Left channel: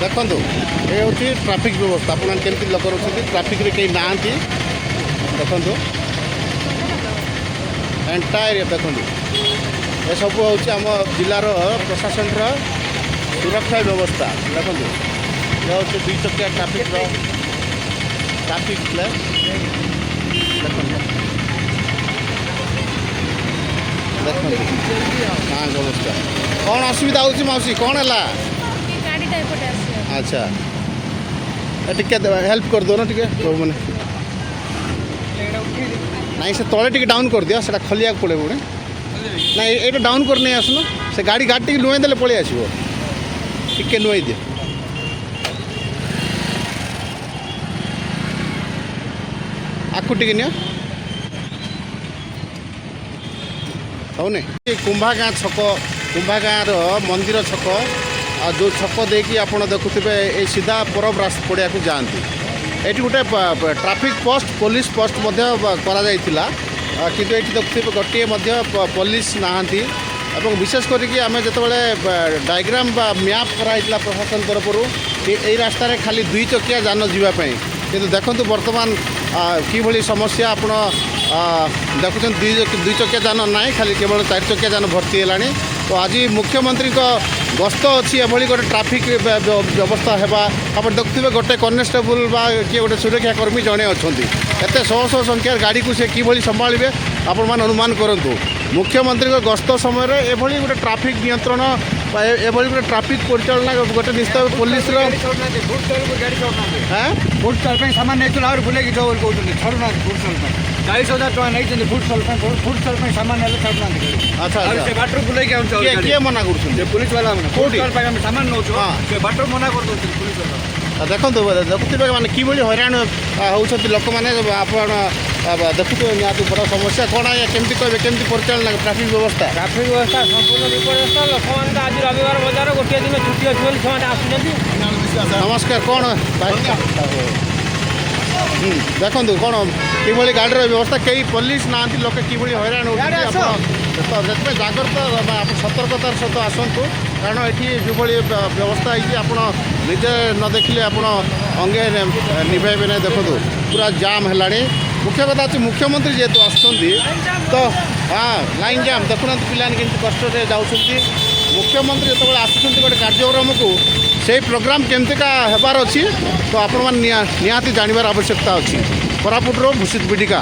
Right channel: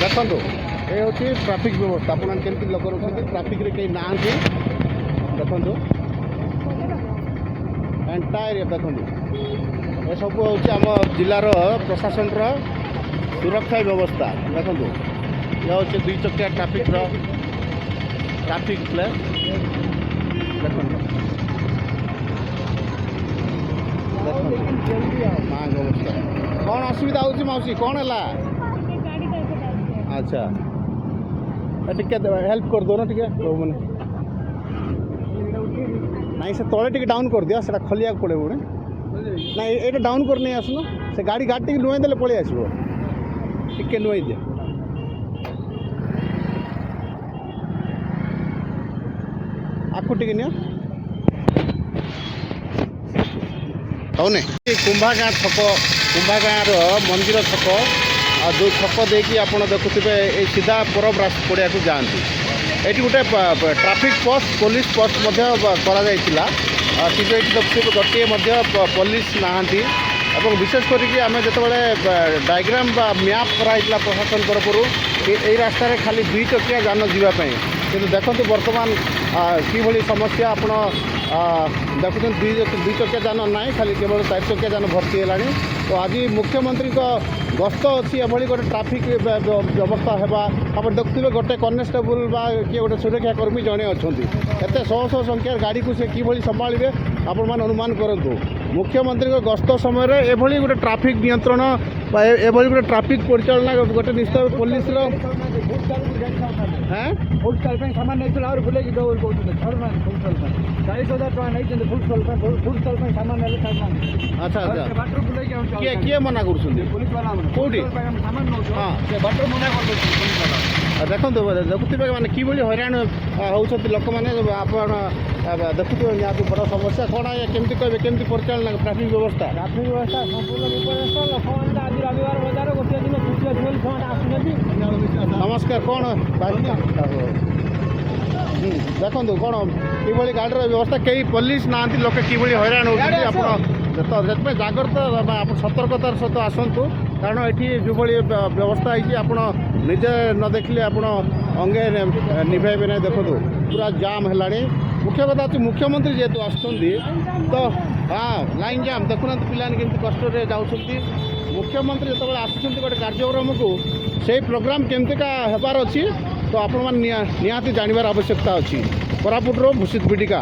देखो ये हूँ ट्राफिक व्यवस्था आपमती लोक रोचे ट्राफिक रे कहीं ना देखो एंटायर देखो ये सब हूँ आम जिलार प्रशासन सुरक्षा व्यवस्था देखो ये हूँ 2 चकिया ट्राफिक प्लेस देखो हाँ नमस्कार कौन असुविधा होची मौसी कौन है अच्छा टिके हेल्प कर दो ना टिके तो मैंने नहीं से तले टिके डाउन कर दिया से खलिया पड़े पुणे ना ये डाउन कर नहीं आसुन से गाड़ी टी नुआई देले पड़े आसो टिके नुआई दिए आकु टिके नियो हौने कुंभागाँ छक कुंभागाँर मंदिर छक और जो छक देखिए आप देखुवे ये सीधा परब पड़िया को जाती ये गोटे ट्राफिक पोस्ट पुलिस पोस्ट ठीक है देखुवे गोटे पुलिस नहांती एवं विशेष करके आम जो डायग्राम बा मैप कराइला प्रशासन तरफ यही रास्तार खाली 2 चकिया जान जावाई कि देखो बर्तमान कि समस्या आप देखुं 2 चकिया जान ना खाली केवल 4 चकिया जान भर्ती है तो आज मुख्यमंत्री गस्त अच्छी एभली गोटे ट्राफिक व्यवस्था है आप देखुए गोटे कनेस्टेबल बा किए गोटे सुरक्षाकर्मी जड़े अच्छा एत शह संख्यार गाड़ी को सी संभाले आपण मैंने अनुमान करूँ मुख्यमंत्री गस्त समय एभली गोटे ट्राफिक नियंत्रण एभली गोटे ट्राफिक परिचालना गोटे निश्चित पुलिस फुड स्टल सामान नहीं बुले छड़ना फुड स्टल 40,000 टका नहीं फुड स्टल सामान अच्छा अच्छा बाटर बुले किए मना कर पुलिस वाला सामान नौ बाटर मना कर पुलिस वाला देखो देखुवे मैंने कि हईराण होती लोक मैंने देखुवे निहत बड़ समस्या कौन है केमती कहे केमती परिचालना ट्राफिक व्यवस्था संपूर्ण विपर्यस्त लोक मैंने आज रविवार बजार गोटे दिन छुट्टी अच्छे बोली से नमस्कार कौन देखो कौन कि गाड़ी व्यवस्था कई पुलिस ना लोक कि हईराण होते जाग्रत आप सतर्कतार सहित आसतु कारण ये जो व्यवस्था है आप निजे न देखिले आप अंगे निभेबे ना देखो पूरा जाम है मुख्य कथा अच्छे मुख्यमंत्री जेहेतु आसुँच तो हाँ लाइन जाम देखुना पिलाने के कष्ट जाऊँगी मुख्यमंत्री जो आसुँच गोटे कार्यक्रम को से प्रोग्राम केमतीका हेबार अच्छी तो आपण निहाती जानवर आवश्यकता अच्छी कोरापुटर भूषित बिडिका।